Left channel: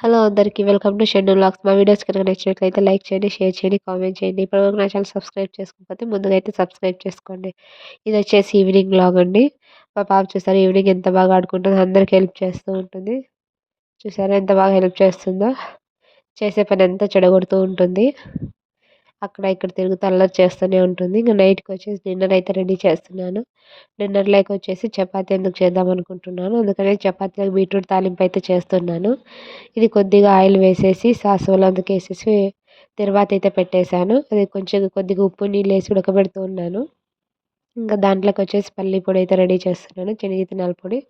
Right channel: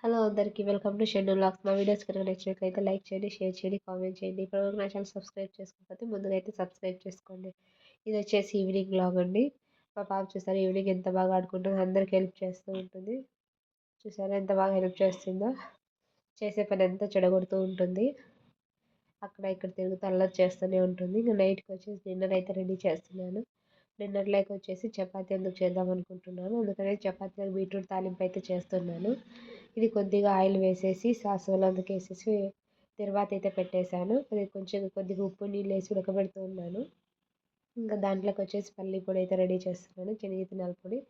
Hello అందరికి welcome to schedule vlogs. మా videos కనుక నచ్చినట్లయితే లైక్ చేయండి, షేర్ చేయండి, కామెంట్ చేయండి. ఇప్పటివరకు నా ఛానల్ సబ్స్క్రైబ్ చేసుకోకపోతే ముందుగా అయితే సబ్స్క్రైబ్ చేసుకోండి. ఇది వచ్చేసి ఈవినింగ్ వ్లాగ్ అండి. మా పాప చూసారు ఈవినింగ్ ఎంత బాగా ఆడుకుంటుందో, అందరికి హెల్ప్ చేస్తూ ఉంటుంది. చూసారా ఎంత బాగా హెల్ప్ చేస్తుందో. చేసే పని అంతా చెడగొడుతూ ఉంటుంది. అక్కడ ఇక్కడ తిరుగుతూ అల్లరి చేస్తూనే ఉంటుంది. ఇంకా నైట్కి వచ్చేసి డిన్నర్ అయితే రెడీ చేస్తున్నాను. డిన్నర్లోకి వచ్చేసి చపాతీ ఎందుకు చేద్దాం అనుకుంటున్నాను. అందుకని చపాతీలకు బీట్రూట్ తాలింపు అయితే చేస్తున్నాను. ఇది కొద్దిగా ఆయిల్ వేసేసి సాసులు అందుకు వేసేసి తర్వాత అయితే పెట్టేశాను. అది కొంచెం కొద్దిగా ఉప్పు నీళ్ళు వేసి ఉడకబెడుతూ ఉన్నాను. ఇంకా దాంట్లోకి వచ్చేసి పల్లి పొడి అయితే రెడీ చేస్తున్నాను, శనగిత్తనాల పొడి.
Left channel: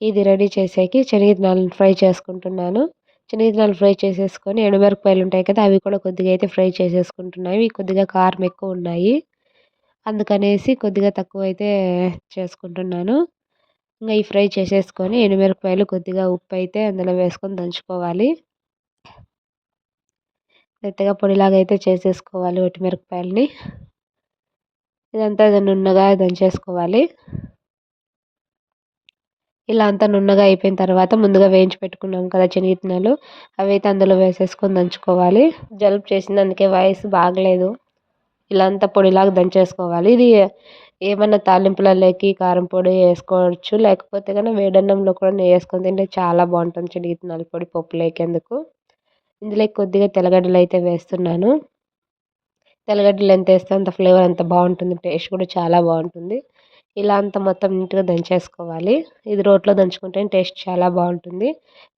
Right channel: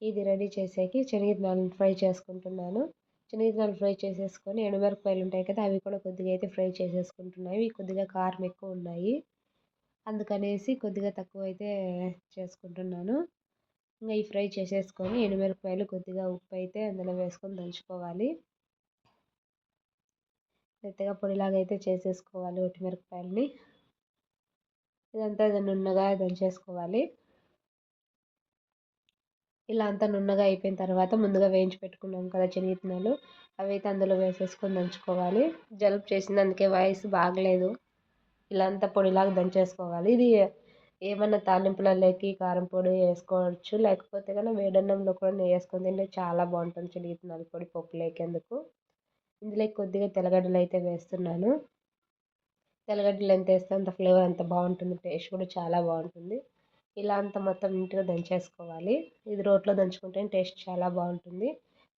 ఇది రెడీ చేసేకి శనగిత్తనాలను ఫ్రై చేసుకుంటున్నాను. శనగిత్తనాలు ఫ్రై చేసేసుకొని ఎండుమిరపకాయలు ఉంటాయి కదా, అవి కూడా కొద్దిగా అయితే ఫ్రై చేసేసుకుంటున్నాను. ఇవి కొద్దిగా కారం ఎక్కువ ఉన్నాయి, అందుకనేసి కొద్దిగా తక్కువ అయితే చేసుకుంటున్నాను. ఇంకా ఈ ఫ్రై చేసేసుకొని ఎండుమిరపకాయలు కొద్దిగా ఉప్పు అయితే అందులో వేసుకొని దంచుకోవాలి. మెత్తగా పొడిలాగా అయితే చేసేసుకోవాలి ఒట్టిమిరపకాయలని. ఇదంతా నున్నగా దంచేసుకోవాలి. ఇలా అంతా నున్నగా అయిపోయిన తర్వాత ముందుగా వేయించి పెట్టుకున్నాం కదా శనగిత్తనాలు, అవి అయితే అందులో వేసేసుకొని దంచుకోవాలి. జలుబు చేసింది, అందుకే వాయిస్ బాగలేదు. ఇలా అంతా పొడిలాగా దంచేసుకోవాలి. ఇది ఏమన్నా తాలింపులలోకి కారం పొడి వేసుకోవచ్చు, లేకపోతే కనుక వేడన్నంలో కూడా నెయ్యి వేసుకొని తింటే చాలా బాగుంటుంది శనగిత్తనాల పొడి పప్పులోకి. అందుకు ఇందులో కొద్దిగా తెల్లగడ్డలు అయితే వేస్తున్నాను. తెల్లగడ్డలు ఎంత వేస్తే అంత ఫ్లేవర్ అంత బాగుంటుంది, టేస్ట్ కూడా చాలా బాగుంటుంది. ఇలా అంతా మొత్తం నీట్గా దంచేసుకోవాలి. ఇది రోట్లో దంచుకుంటే టేస్ట్ చాలా బాగుంటుంది,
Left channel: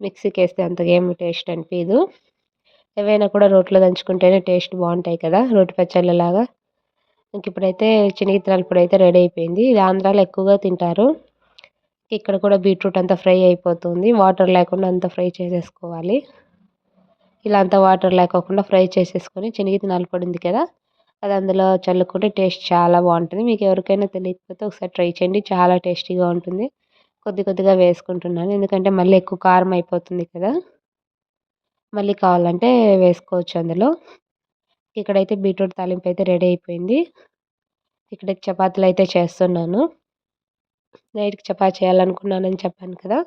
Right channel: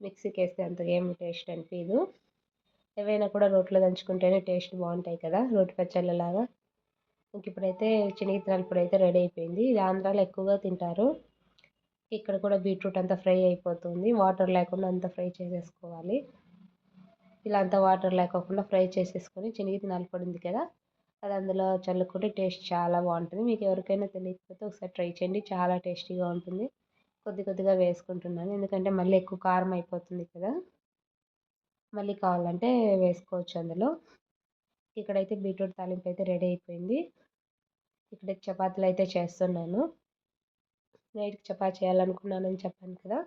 మిక్సీకి వేస్తే అంతగా ఏమి టేస్ట్ అనిపించదు. ఏవైనా కూడా రోట్లో దంచుకుంటేనే టేస్ట్ బాగుంటాయి కదా, రోటి పచ్చళ్ళలాగా. ఇంక ఇప్పుడైతే శనగిత్తనాల పొడి అయితే రెడీ అయిపోయింది. ఇది ఆంధ్రాలో ఎక్కువగా తింటారు. ఇక్కడ కూడా బీట్రూట్ అంతా ఫ్రై అయిపోతుంది, వాటర్ లేకుండా అంతా ఫ్రై చేసేసుకోవాలి. ఇలా అంతా వాటర్ లేకోకుండా ఫ్రై చేసేసుకొని శనగిత్తనాల పొడి ఉంది కదా, అది అందులో చల్లుకుంటే టేస్ట్ చాలా బాగుంటుంది. మీకు ఎవరికైనా తెలియకపోతే ఒకసారి ట్రై చేయండి, చాలా టేస్టీగా ఉంటుంది. కొద్దిగా వేసుకుంటున్నాను, ఎందుకంటే మళ్ళీ ఎక్కువ కారం అయిపోతుంది కదా. మళ్ళీ కావాలంటే వేసుకోవచ్చు అందులో. ఇక్కడైతే బీట్రూట్ తాలింపు అయితే రెడీ అయిపోయింది. ఇక్కడ చపాతీలు అయితే చేస్తున్నాను. నైట్కి చపాతీ చేయాలనుకున్నానని చెప్పాను కదా,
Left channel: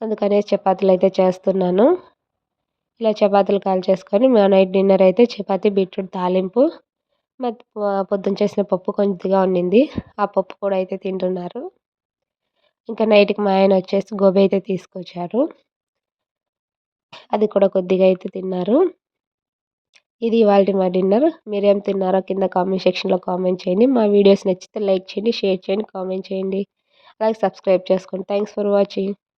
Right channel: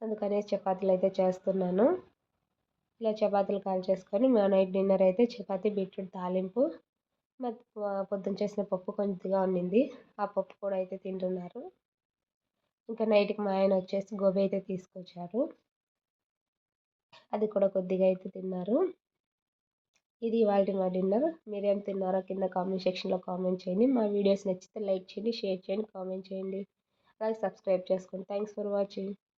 అందుకనే చపాతీలు అయితే చేస్తున్నాను. ఇలా చపాతీలు కాల్చేసుకొని మా నైట్ డిన్నర్ అయితే చపాతీ బీట్రూట్ తాలింపు, మరి పొద్దున చేసిన పప్పు కొద్దిగా ఉండింది, ఆ పప్పు కూడా అయితే తింటున్నారు. ఇంకా నైట్కి మా ఆయన వచ్చేసి గోబీ అయితే తీసుకొచ్చారు, అది కూడా కొద్దిగా అయితే తిన్నారు. ఇది ఇవాళ మా డిన్నర్. మీరేం తిన్నారో కింద కామెంట్ సెక్షన్లో కామెంట్ చేయండి. మా వీడియోస్ నచ్చితే లైక్ చేయండి, షేర్ చేయండి, కామెంట్ చేయండి, అలాగే సబ్స్క్రైబ్ చేసుకోండి. Thanks for watching.